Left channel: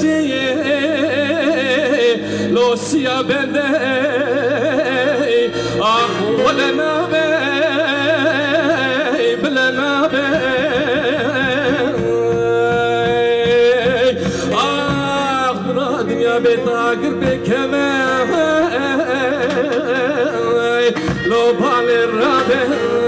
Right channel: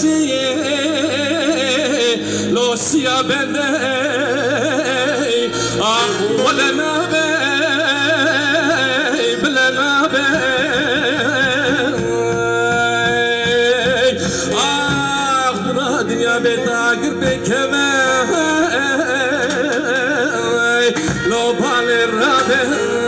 بچه لوسیا بده آخ ولنا بی بلنا بی آخ برا دنیا بیتاگر بکمه لو بالی را بی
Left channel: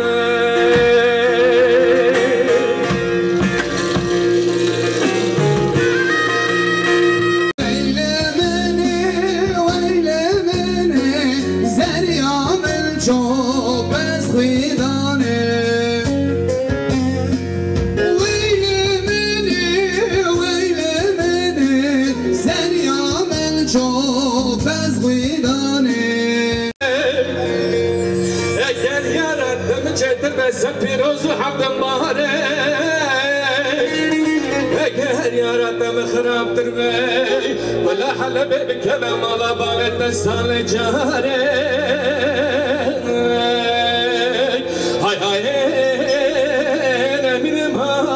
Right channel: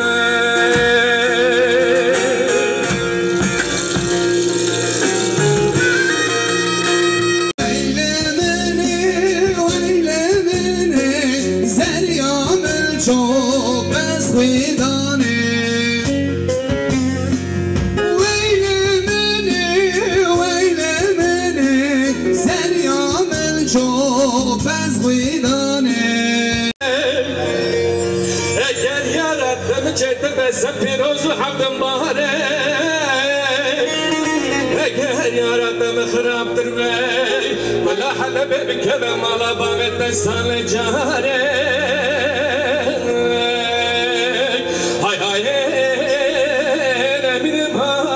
سپیروز و حمد ماره اگر یارتم خراب در می ولا حلبه بکنم مالا باغت سال جاره های های نبینم های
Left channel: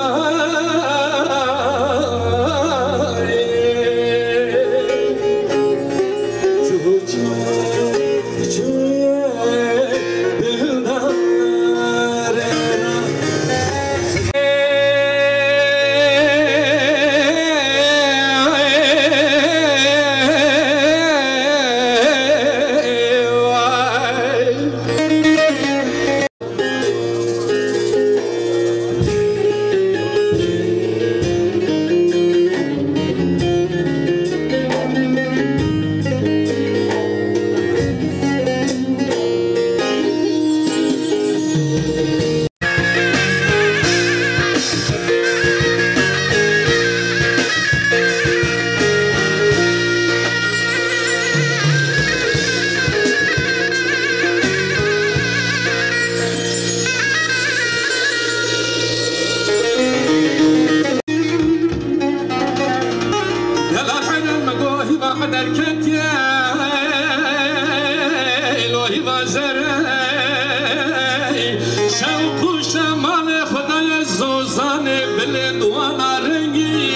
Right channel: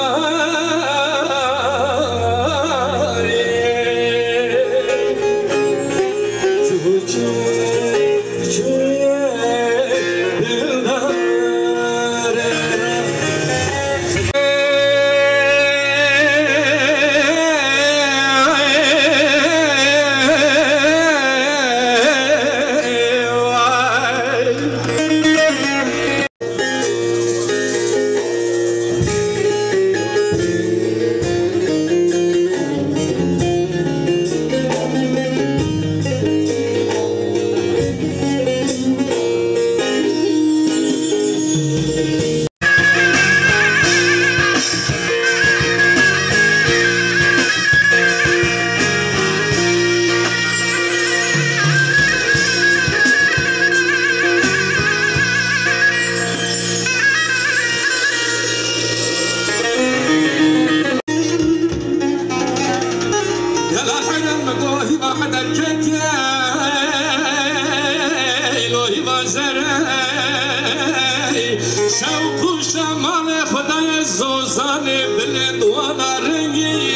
شوق شمال خدای زوزان بلند و نارنگی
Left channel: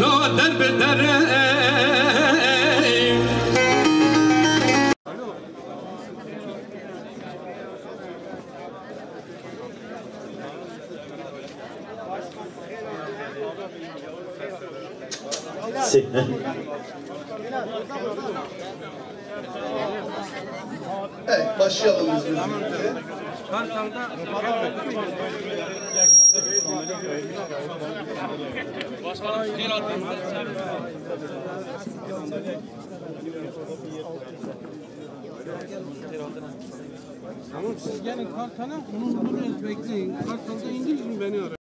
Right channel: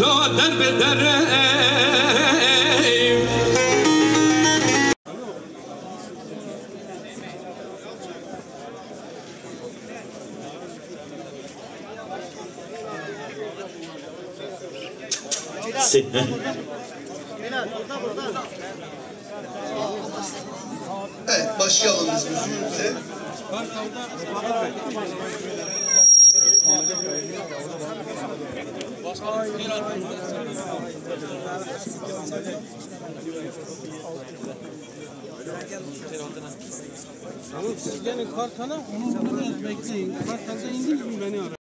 نو در به در Evet, başlayalım biz müziğimize. Tamam siz gelin Kartal'a, onu bekleyin. Kartal'da indiniz mi beni arayın.